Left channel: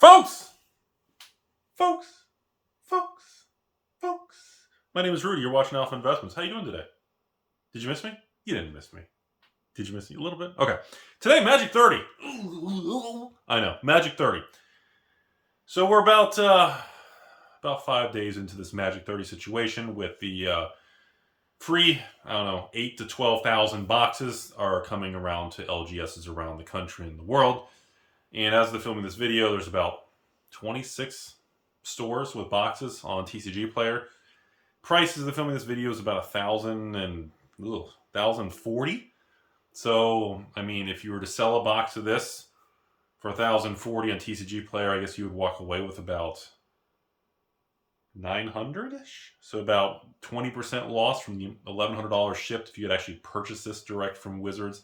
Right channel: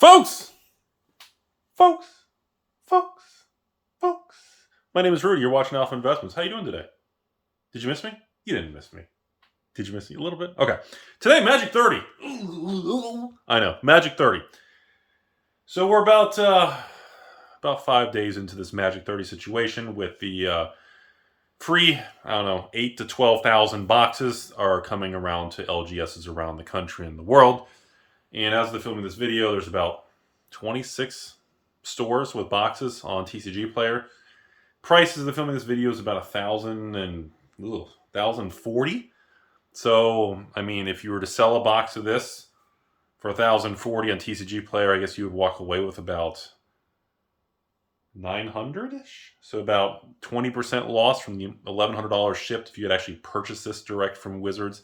Folks! Folks! Folks! Folks! My name is Rudy. You're watching Alpha Investments. How you doing today? Did you miss me? You didn't miss me. Did you miss me a little bit? Okay. Today, Magic 30. I know, Magic 30. So we're about 5 days into this Magic 30 situation with the free, 8 to 12,000 boxes are coming around to LGSs around the country and the world. And as of the filming this video, there's about 26 stores with boxes on TCG Player. Price as of the filming this video is about $1,040. So, I mean, if you were to sell a box of this for $1,040 on TCG Player, I guess you would walk away with about $900-ish. So about 20% loss from the $1,100 shipped if you had actually purchased this direct from Wizards.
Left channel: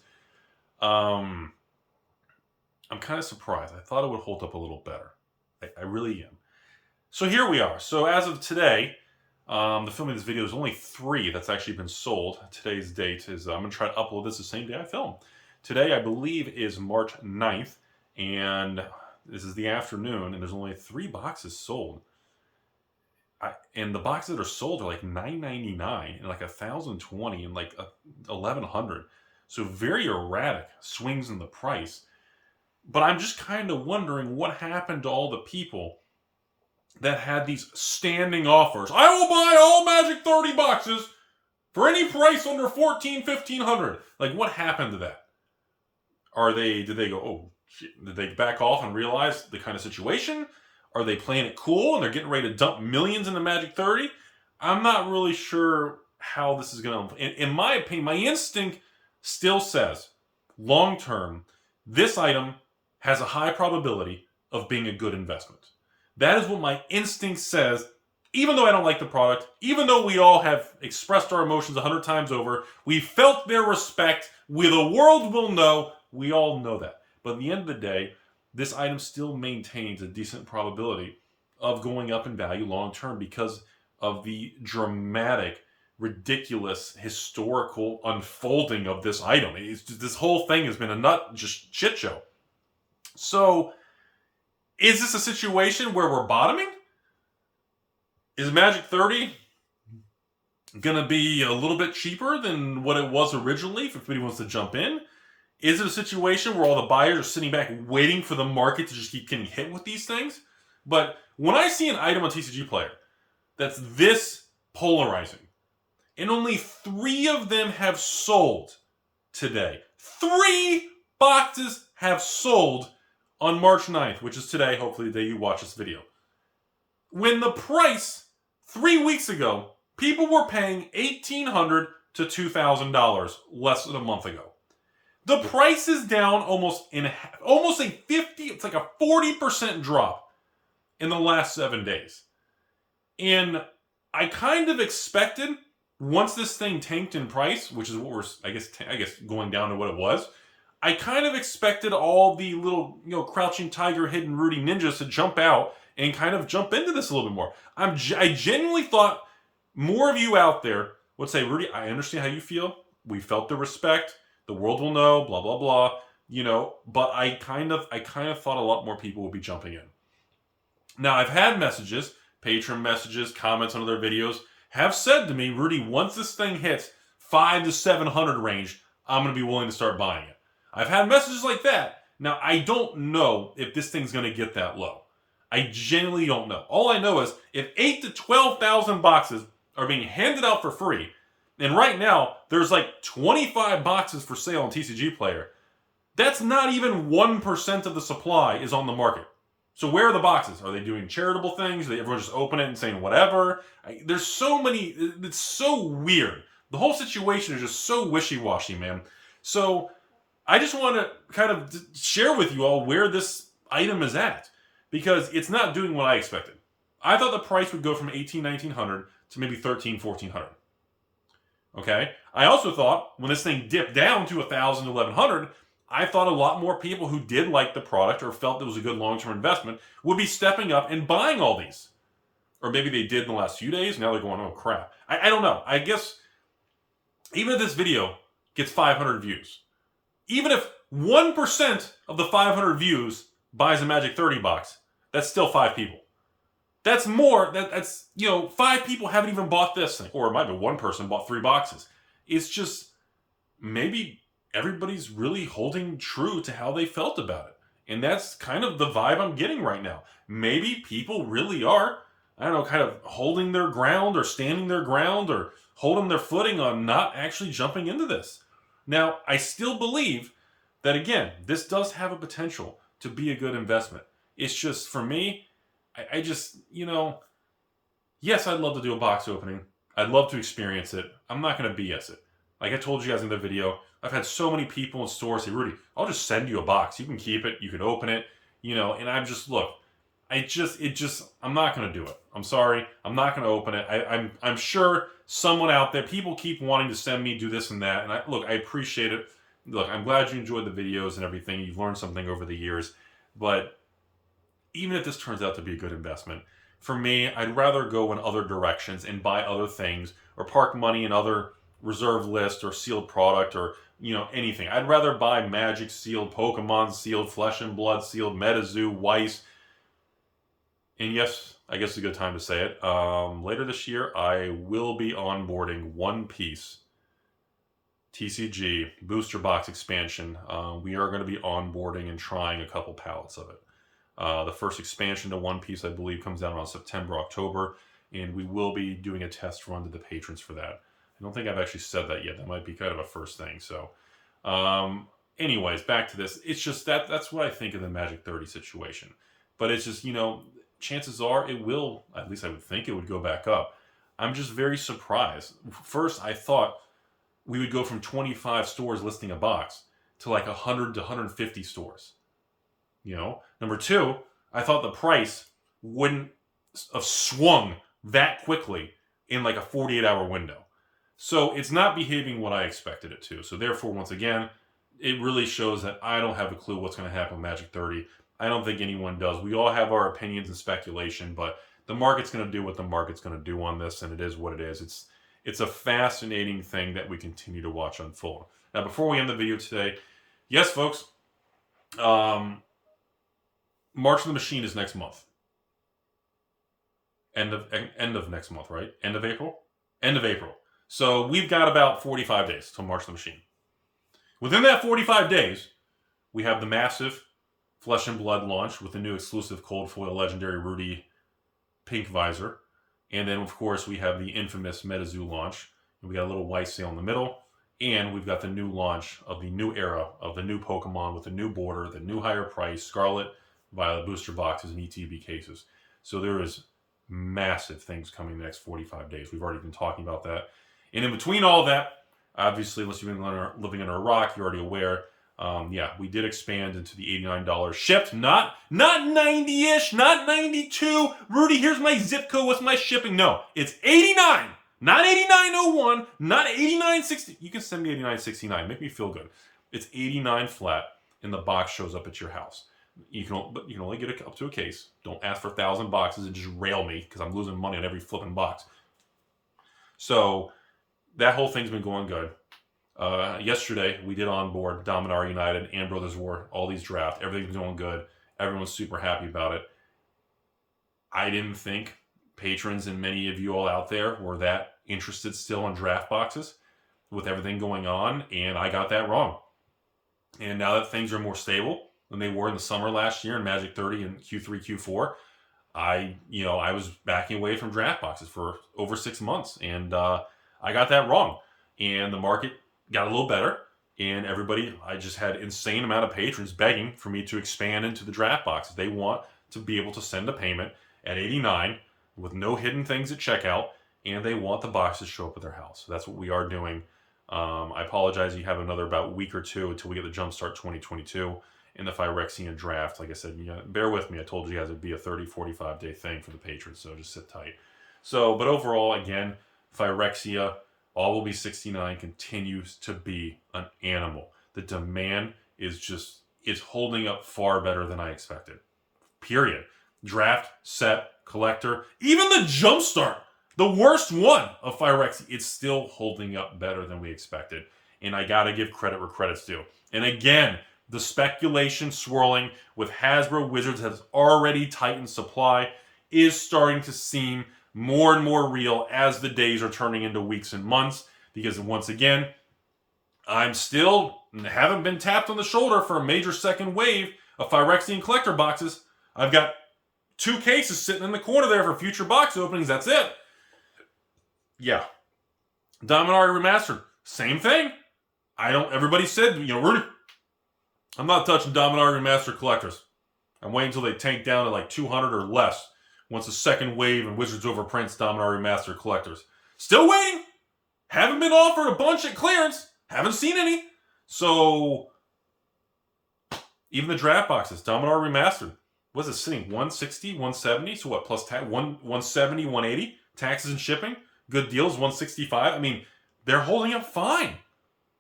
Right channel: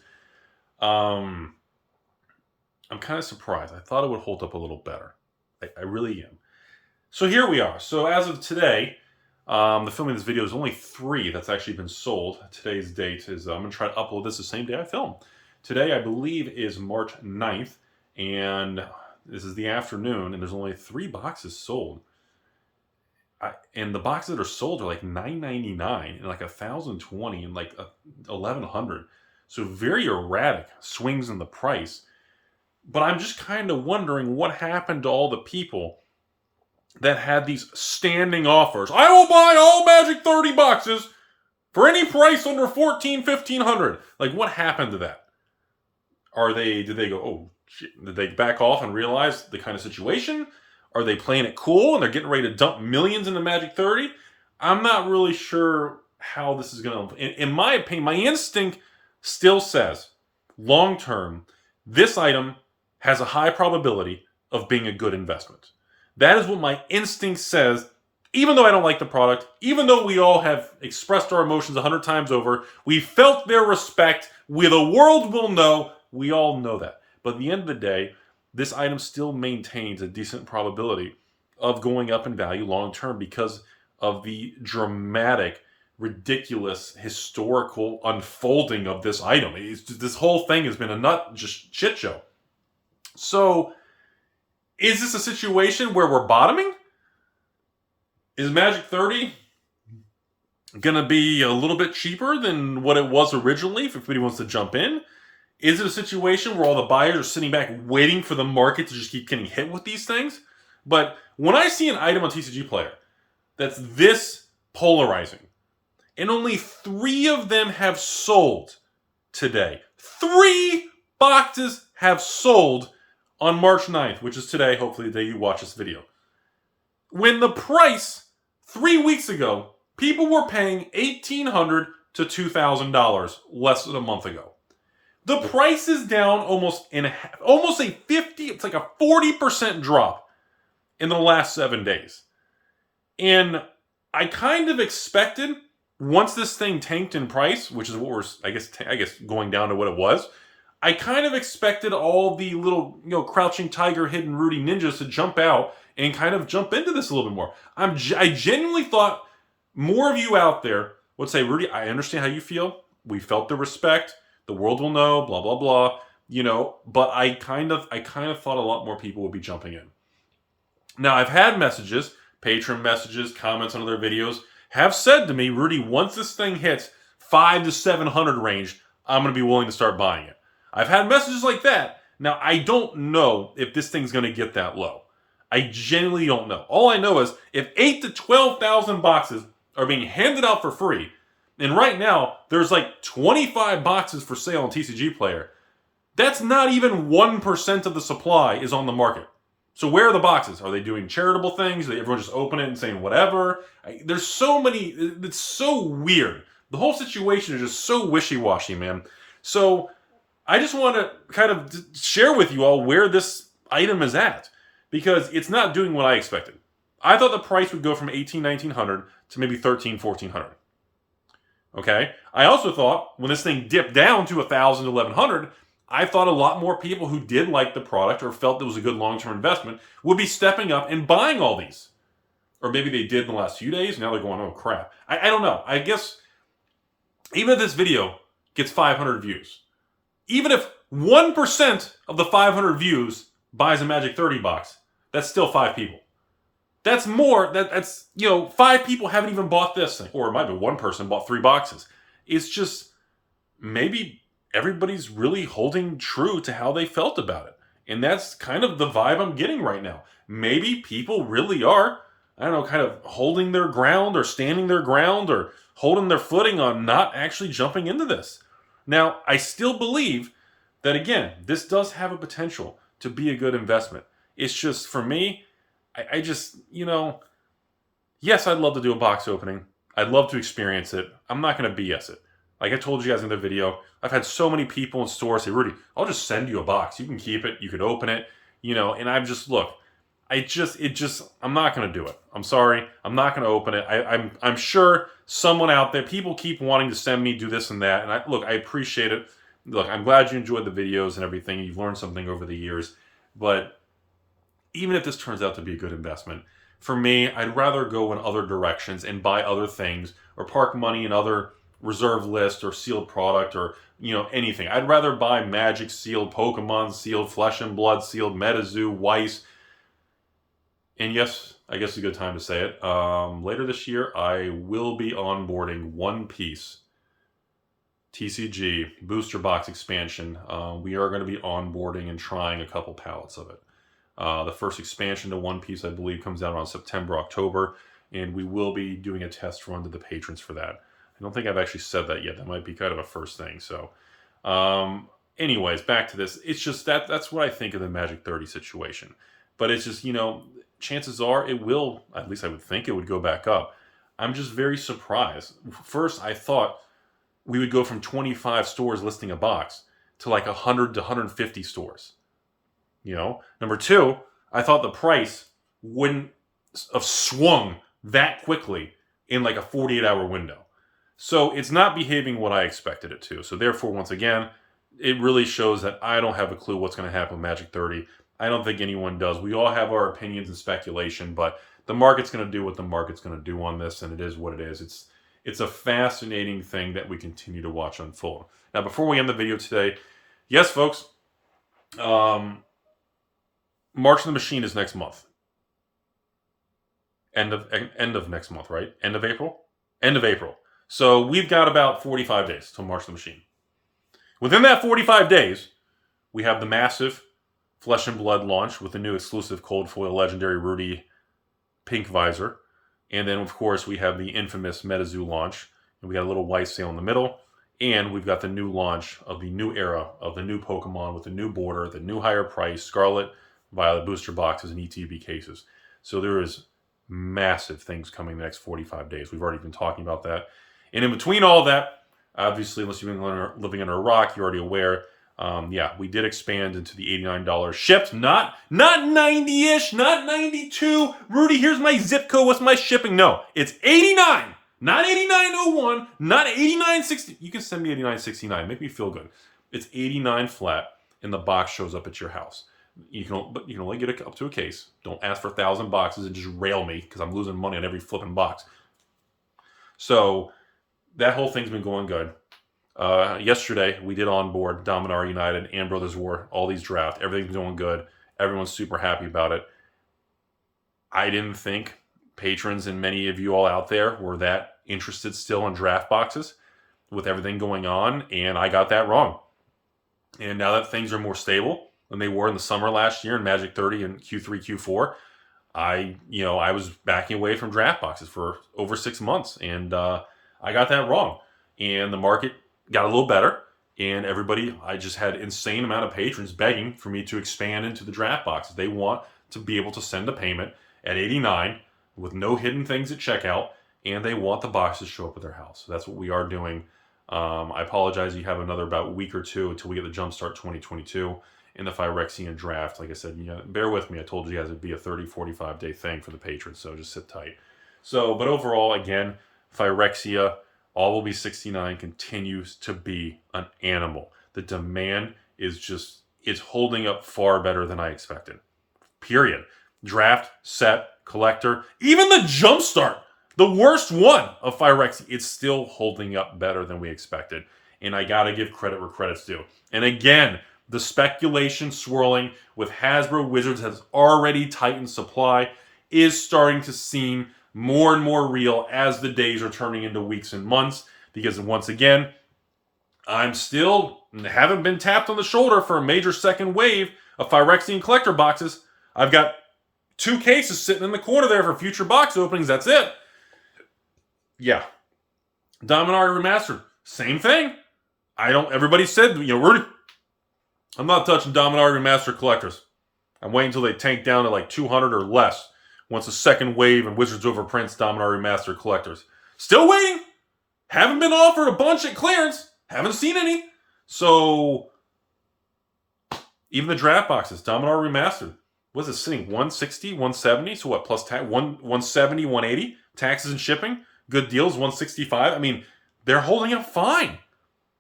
I'm kind of surprised. I thought it would hold up a little better. I really am. So here we are. So as of today, the filming of this video is only 3 that's actually been sold. Today's date is, I'm going to try to upload this the same day I film. Today, I believe, is March 9th, and this is the afternoon, and there's only 3 boxes sold. And the boxes that are sold are like $9.99 and like $1,020 and like $1,100. So very erratic swings in the price. But I'm just kind of wondering what happened to all the people that had these standing offers. I will buy all Magic 30 boxes for any price under $1,400, $1,500. Like, what happened to that? Did they go, oh, shit? Did they back off and realize the kind of situation? Are they playing it cool and they're getting ready to dump millions into Magic 30? I'm not really sure how this is going to... In my opinion, my instinct still says, long term, this item has a high probability of being a good investment. That is what my instinct says, even though I don't like the product, even though we all have expressed our emotions 100 times over, we felt their respect, the world will know, we all know that. But at the end of the day, this item still maintains a decent probability of going up in value long term because of the dramatic, ridiculous, historical unfolding of this item. This whole thing has been a just shit show. So, is this a situation where we're bottoming? Is Magic 30 going to be a little bit cheaper than what it was originally if anybody wants to jump in? Is it a situation where all the buyers are sitting back waiting for the market to just keep getting hit with these things? But when I see an item on TCG Player that's this polarizing, and only 3 of them have sold today. 3 boxes have sold on March 9th, which is today, hopefully the day you watch this video. When the price, 3 weeks ago, people were paying $1,800 to $2,000 less than a month ago. The price is down almost a 50, it's like a 40% drop in the last 7 days. And I kind of expected, once this thing tanked in price, which is what we're, I guess going down to what it was, I kind of expected all the little, crouching tiger, hidden Rudy ninjas to jump out and kind of jump into this a little bit more. I genuinely thought more of you out there would say, Rudy, I understand how you feel. We felt the respect. The world will know, blah, blah, blah. But I kind of thought a lot more people would be jumping in. Now, I've had messages, patron messages, comments on other videos, have said to me, Rudy, once this thing hits 500 to 700 range, I'm going to be willing to start buying it. I've had messages like that. Now, I don't know if this thing's going to get that low. I genuinely don't know. All I know is if 8 to 12,000 boxes are being handed out for free, and right now there's like 25 boxes for sale on TCG Player, that's not even 1% of the supply is on the market. So where are the boxes? Are they doing charitable things? Everyone just open it and saying whatever? There's so many. It's so weird. The whole situation is just so wishy-washy, man. So I just want to kind of share with you all where this item is at, because it's not doing what I expected. I thought the price would go from $1,800, $1,900 to maybe $1,300, $1,400. Okay? I also thought when this thing dipped down to $1,000 to $1,100, I thought a lot more people who did like the product or felt it was a good long-term investment would be stepping up and buying all these. Or maybe they did in the last few days, now they're going, oh crap. I don't know. I guess even if this video gets 500 views, even if 1% of the 500 views buys a Magic 30 box, That's still 5 people. That's more. That's, 5 people haven't even bought this thing. Or it might be one person bought 3 boxes. It's just, maybe everybody's really holding true to how they felt about it. And that's kind of the vibe I'm getting right now. Maybe people really are, I don't know, kind of holding their ground or standing their ground or holding their footing on not actually jumping into this. Now, I still believe that, again, this does have a potential to be a good investment. It's just, for me, I just, yes, I'd love to do a box opening. I'd love to experience it. I'm not going to BS it. Like I told you guys in the video, I've had so many people in stores say, Rudy, I'll just send you a box. You can keep it. You can open it. And I'm just, look, I'm not going to do it. I'm sorry. I'm not going to open it. I'm sure someone out there, people keep wanting to send me, do this and that. And I appreciate it. Look, I'm glad you enjoyed the videos and everything. You've learned something over the years. But even if this turns out to be a good investment, for me, I'd rather go in other directions and buy other things or park money in other reserve list or sealed product or, anything. I'd rather buy Magic sealed, Pokemon sealed, Flesh and Blood sealed, MetaZoo, Weiss. And yes, I guess it's a good time to say it. Later this year, I will be onboarding One Piece TCG booster box expansion. We are going to be onboarding and trying a couple pallets of it. The first expansion to One Piece, I believe, comes out around September, October, and we will be doing a test run to the patrons for that. I don't think I've actually said that yet. That might be kind of a first thing. So, anyways, back to this. It's just that's what I think of the Magic 30 situation. But it's just, chances are it will, at least I would think it would go back up. I'm just very surprised. First, I thought we would go from 25 stores listing a box to like 100 to 150 stores. Number two, I thought the price wouldn't have swung that quickly in like a 48-hour window. So it's not behaving what I expected it to. So therefore, once again, it really shows that I don't have a clue what's going to happen with Magic 30. I don't think anyone does. We all have our opinions and speculation, but the market's going to do what the market's going to do on this, and it is what it is. It's a fascinating thing that we continue to watch unfold. Now, before we end the video today, yes, folks, March of the Machine is next month. End of next month, right? End of April? End of April. So we've got about 45 days till March of the Machine. Within that 45 days, we have the massive Flesh and Blood launch with the new exclusive cold foil legendary Rudy pink visor. And then, of course, we have the infamous MetaZoo launch. And we got a little white sale in the middle. And we've got the new launch of the new era of the new Pokemon with the new border, the new higher price, Scarlet, Violet booster boxes, and ETB cases. So there is massive things coming in the next 45 days. We've already been talking about that. And in between all that, obviously, unless you've been living under a rock, you're already aware. We did expand into the $89 shipped, not 90-ish, not 92. Rudy, here's my zip code. What's my shipping? No, it's 89, not 89.01, not 89.60. You can send me 89.69. Make me feel good. It's 89 flat, and the box shows up at your house. But you can only get it up to a case. Don't ask for 1,000 boxes and just rail me because I'm losing money on every flipping box. So that whole thing's been going good. Yesterday, we did onboard Dominar United and Brothers War, all these draft. Everything's going good. Everyone's super happy about it. I didn't think patrons and many of you all out there were that interested still in draft boxes with everything going on, and I got that wrong. And now that things are more stable than they were in the summer last year in Magic 30 and Q3, Q4, I was backing away from draft boxes for over 6 months, and I got that wrong. And the market got a little better, and I just had insane amount of patrons begging for me to expand into the draft boxes. They want to be able to send a payment at 89 with no hidden things at checkout, and they want the boxes to show up at their house. So that's what we are doing. I apologize. You have another about week or two until we get the Jumpstart 2022 and the Phyrexian draft. Like I said, bear with me. I told you guys it'd be a 30, 45 day thing for the patrons, so just sit tight. But overall, again, Phyrexia, all will be 69, continues to be an animal. The demand is holding up far better than I expected. Period. Draft, set, collector, even the Jumpstart, the worst one of Phyrexia, it's still holding up better than we expected. And I got to give credit where credit's due. And again, The speculation swirling with Hasbro Wizards has already tightened supply is starting to seem more and more real as the days are turning into weeks and months. Because once again, I'm still haven't been tapped on the shoulder for a major second wave of Phyrexian collector boxes. I've got 2 cases sitting in the corner there for future box openings. That's it. Yeah. Dominaria Remastered, same thing. Everybody said, Rudy, I'm not touching Dominaria Remastered collectors. I'm waiting until they tank down to like 200 or less once the second wave and Wizards overprints Dominaria Remastered collectors. Still waiting. Haven't been offered a bunch at clearance. Haven't seen any. So, even the draft boxes, Dominaria Remastered, was it sitting 160, 170? So what, plus 170, 180? Taxes and shipping? Good deals, 165. I mean, they're holding up fine.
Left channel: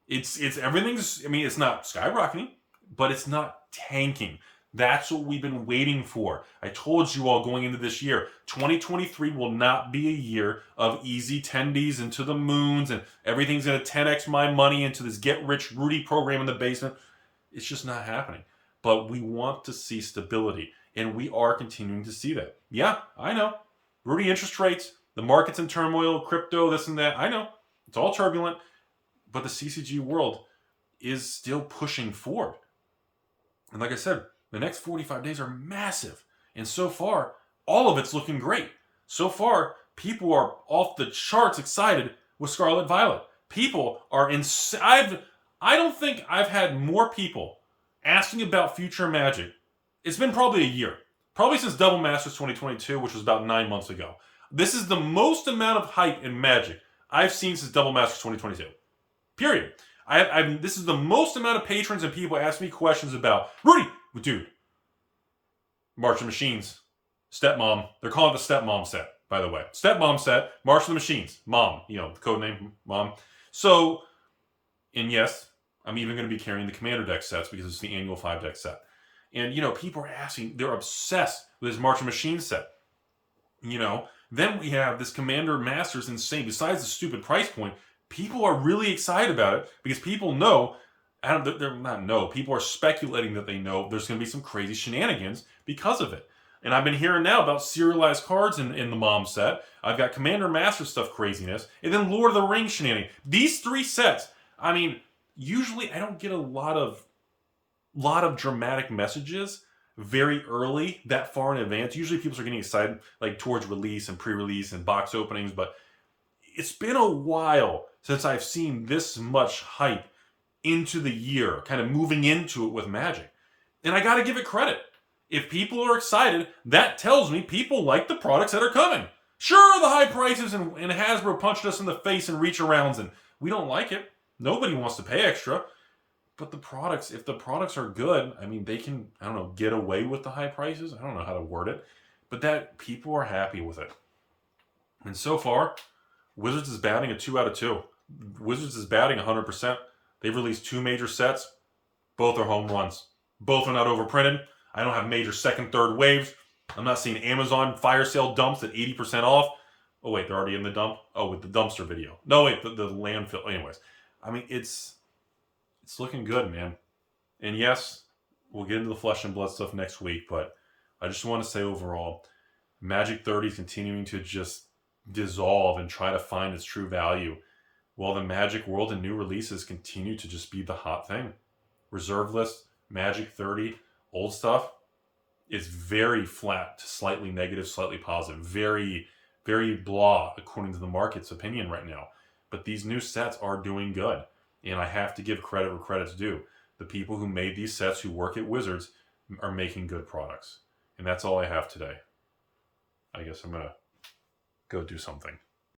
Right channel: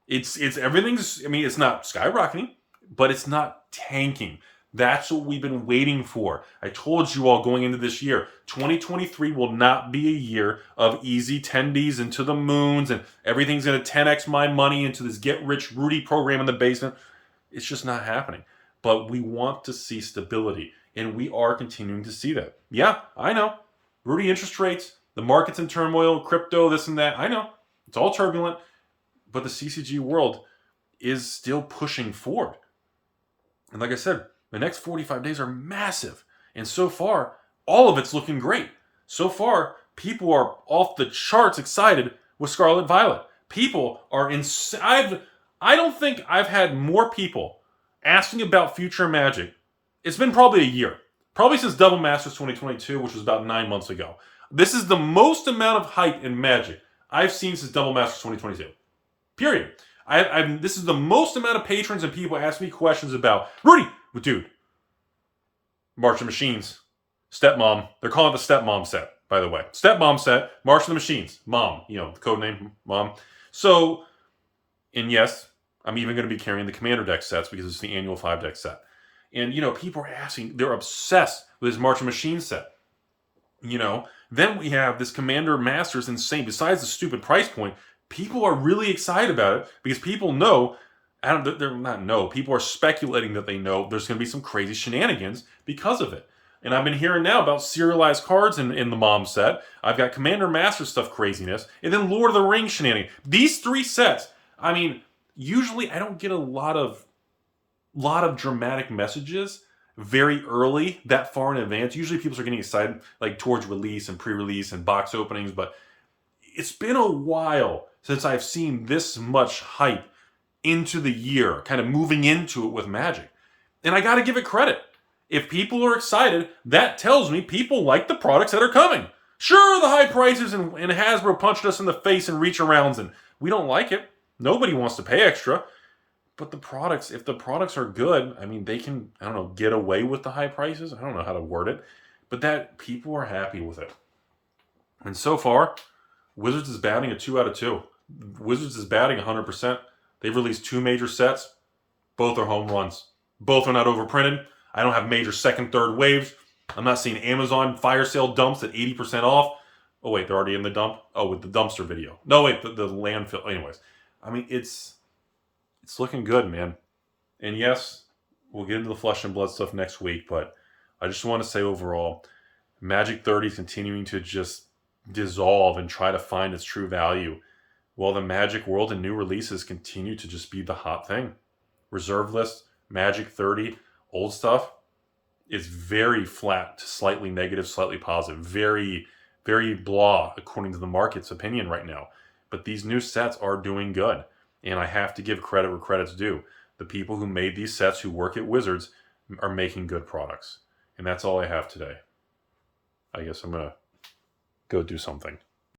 It's everything's, it's not skyrocketing, but it's not tanking. That's what we've been waiting for. I told you all going into this year, 2023 will not be a year of easy 10Ds into the moons and everything's going to 10x my money into this get rich Rudy program in the basement. It's just not happening. But we want to see stability, and we are continuing to see that. Yeah, I know. Rudy, interest rates, the market's in turmoil, crypto, this and that. I know. It's all turbulent, but the CCG world is still pushing forward. And like I said, the next 45 days are massive. And so far, all of it's looking great. So far, people are off the charts excited with Scarlet Violet. People are I don't think I've had more people asking about future Magic. It's been probably a year. Probably since Double Masters 2022, which was about 9 months ago. This is the most amount of hype in Magic I've seen since Double Masters 2022. Period. This is the most amount of patrons and people ask me questions about, Rudy, dude, March of Machines, Stepmom. They're calling it the Stepmom set, by the way. Stepmom set, March of the Machines, Mom. The code name, Mom. So, and yes, I'm even going to be carrying the Commander deck sets because it's the annual 5-deck set. And, people are asking, they're obsessed with this March of Machines set. Then we have this Commander Masters insane. Besides the stupid price point, people are really excited about it because people know, people are speculating that they know there's going to be some crazy shenanigans because of it. And I've been hearing now about serialized cards in the Mom set. I've got Commander Master stuff craziness, and then Lord of the Rings shenanigans. These 3 sets, usually I don't get a lot of dramatic messages very early, that far in advance. Usually people are getting excited like towards release and pre-release and box openings, but it's been a while since I've seen this much hype into the year, kind of moving into it with Magic. And I got to give it credit. If people are excited, that tells me people like the products that are coming. Sure, the high prices and Hasbro punched us in the face and reach arounds, and we don't like it. Nobody wants to pay extra. But the products, if the products are good, they can, get away with the high prices. I don't know how to word it. But that people are happy with it. And so far, Wizards is batting a 2 out of 2. Wizards is batting 100%. They've released 2 major sets. Both are home runs. Both are not overprinted. I don't have major second, third waves. I'm not seeing Amazon fire sale dumps at 80% off. Oh, wait, they're already in the dump? Oh, with the dumpster video. No, wait, the landfill. Anyways, it's looking good, man. And yes, we'll get into the flesh and blood stuff next week, but I just want to say overall, Magic 30 is continuing to just dissolve and try to find its true value, while the Magic world and new releases continue to just be the hot thing. Reserve list, Magic 30, old stuff is very flat, slightly negative, slightly positive, very, very blah, according to the market's opinion right now. But these new sets are doing good. And I have to give credit where credit's due. The people who made these sets, who work at Wizards, are making good products. And that's all I have today. I guess I'm going to go do something.